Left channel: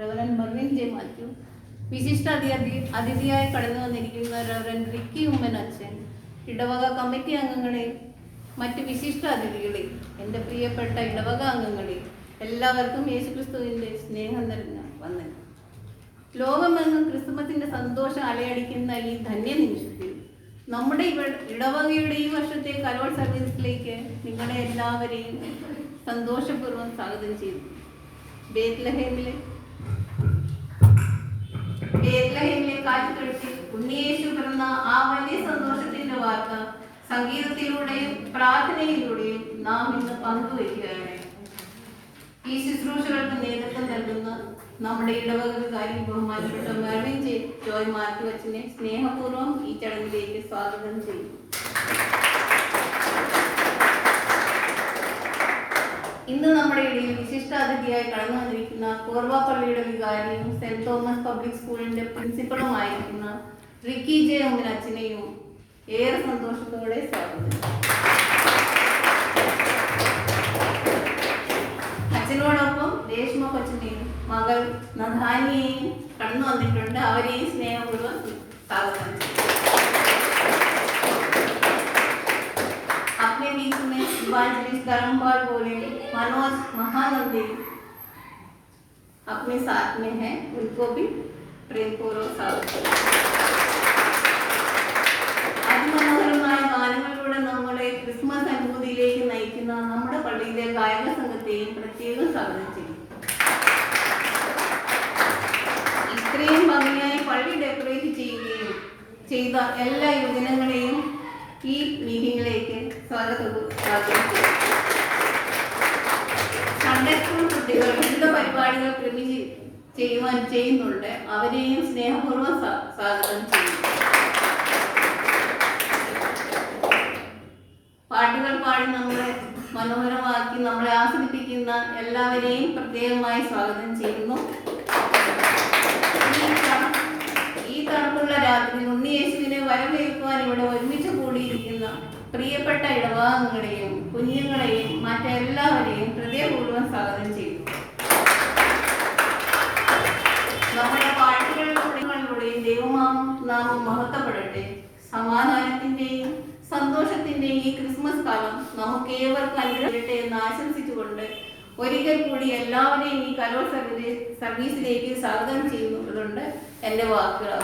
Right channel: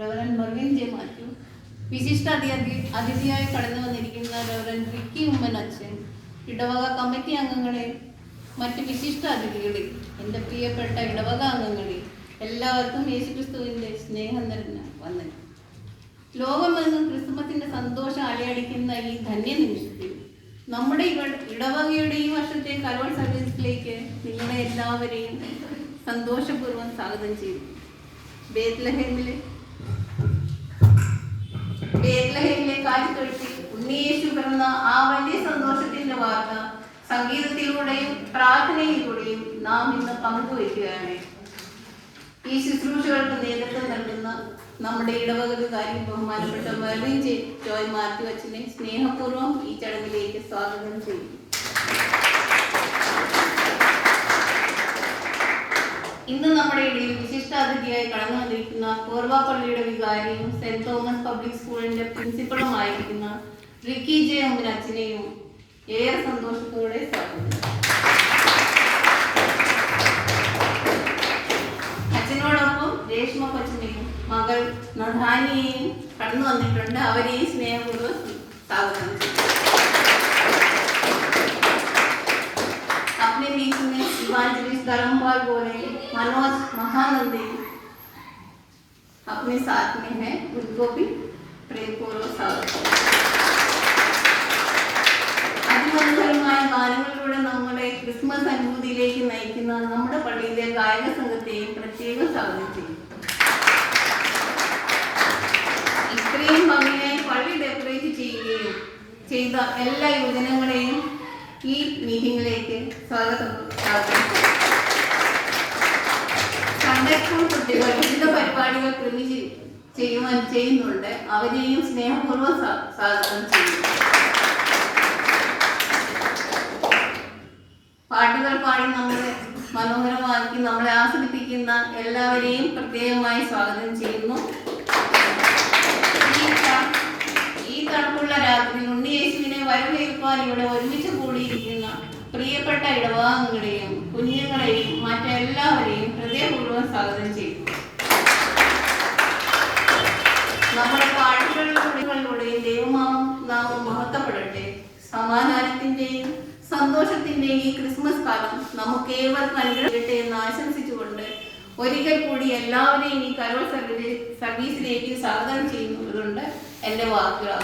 Reverend Mervin J Mathew, വിശിഷ്ട അതിഥിയായി കടന്നു വന്നിരിക്കുന്ന റവറൻ റിക്കി ഉമ്മൻ അച്ഛൻ, ഇടവക കമ്മിറ്റി അംഗങ്ങളെ, മറ്റ് വിശിഷ്ട അതിഥികളെ, എൻ്റെ പ്രിയപ്പെട്ട ഇടവക അംഗങ്ങളെ, എല്ലാവർക്കും യേശുക്രിസ്തുവിൻ്റെ സ്നേഹം നിറഞ്ഞ വന്ദനം. ലോകമെങ്ങും ക്രിസ്തുമസിൻ്റെ സന്തോഷം അലയടിക്കുന്ന ഈ ധന്യ നിമിഷത്തിൽ നമ്മുടെ ഇടവകയുടെ ഈ വർഷത്തെ കരോൾ സർവീസിലേക്ക് നിങ്ങളെ എല്ലാവരെയും സന്തോഷപൂർവ്വം സ്വാഗതം ചെയ്തു. ബേത്ലഹേമിലെ കാറ്റുതൊഴുത്തിൽ ഉണ്ണിയേശു പിറന്ന ആ വലിയ സന്തോഷത്തിന്റെ വാർത്ത സംഗീതത്തിലൂടെയും പ്രാർത്ഥനയിലൂടെയും നാം ഇന്ന് പങ്കുവയ്ക്കുകയാണ്. ഈ ശുശ്രൂഷകൾക്ക് നേതൃത്വം നൽകുന്ന നമ്മുടെ ഇടവക വികാരി ബഹുമാനപ്പെട്ട മെർവിൻ ജോയ് മാത്യു അച്ഛനെ സ്നേഹപൂർവ്വം ഈ ചടങ്ങിലേക്ക് സ്വാഗതം ചെയ്യും. ഇന്ന് നമ്മുടെ ഇടയിൽ വിശിഷ്ടാതിഥിയായി കടന്നു വന്നിരിക്കുന്ന കോർവ പള്ളിയുടെ വികാരിയും സെന്റ് തോമസ് പബ്ലിക് സ്കൂളിന്റെ പ്രിൻസിപ്പളുമായിരിക്കുന്ന റിക്കി ജെ ഉമ്മൻ അച്ഛനെയും ഏറെ സന്തോഷത്തോടെ സ്വാഗതം. അച്ഛനോടൊപ്പം രേഷ്മ കൊച്ചിനെയും മകൾ നധാനിയെയും കടന്നു വന്നിട്ടുണ്ട്. അവരെയും സ്നേഹപൂർവ്വം സ്വാഗതം ചെയ്യും. अपने बीच में इवांजलिस्ट धर्मपाल बोले, मनोज महानंदी अपने साथ में है, उनको भी प्रेमपूर्वक स्वागत. അതിമനോഹരമായ ഗാനങ്ങളിലൂടെ നമ്മളെ ക്രിസ്മസ് അനുഭൂതിയിലേക്ക് നയിക്കുന്ന നമ്മുടെ പള്ളിയിലെ ഗായക സംഘത്തെയും പ്രത്യേകം സ്വാഗതം ചെയ്യും. ഇത്രയും ഭംഗിയായി പള്ളി ഡെക്കറേറ്റ് ചെയ്യുകയും ചെയ്ത എല്ലാ യുവജനങ്ങളെയും ഈ മീറ്റിംഗിലേക്ക് സ്വാഗതം. സൺഡേ സ്കൂൾ കുട്ടികൾ വിവിധ പരിപാടികൾ ചെയ്യുന്നുണ്ട്. അവരെയും സ്നേഹപൂർവ്വം സ്വാഗതം ചെയ്യുന്നു. പാട്ടുകൾ പാടി നമ്മളെ മനോഹരമാക്കി നമ്മളെ ആസ്വദിപ്പിക്കുന്ന എല്ലാവരെയും പ്രത്യേകമായി സ്വാഗതം ചെയ്യുന്നു. ഈ തണുപ്പുള്ള രാത്രി ഉണ്ണിയേശുവിനെ വരവേൽക്കുവാൻ ഇവിടെ ഒരുമിച്ച് കൂടിയിരിക്കുന്ന പ്രിയപ്പെട്ട ഇടവകങ്ങളെയും കുഞ്ഞുങ്ങളെയും മറ്റെല്ലാവരെയും ഹൃദയപൂർവ്വം സ്വാഗതം ചെയ്തു. നമ്മുടെ പാട്ടുകളിലൂടെയും ദൈവനാമം മഹത്വപ്പെടട്ടെ. സമാധാനത്തിന്റെയും സന്തോഷത്തിന്റെയും ഈ ക്രിസ്മസ് കാലം നമുക്ക് ഏവർക്കും അനുഗ്രഹിക്കട്ടെ എന്ന് ആശംസിച്ചുകൊണ്ട് ഒരിക്കൽ കൂടി എല്ലാവരെയും ഈ കരോൾ സർവീസിലേക്ക് സ്വാഗതം ചെയ്യുന്നതുകൊണ്ട് എൻ്റെ വാക്കുകൾ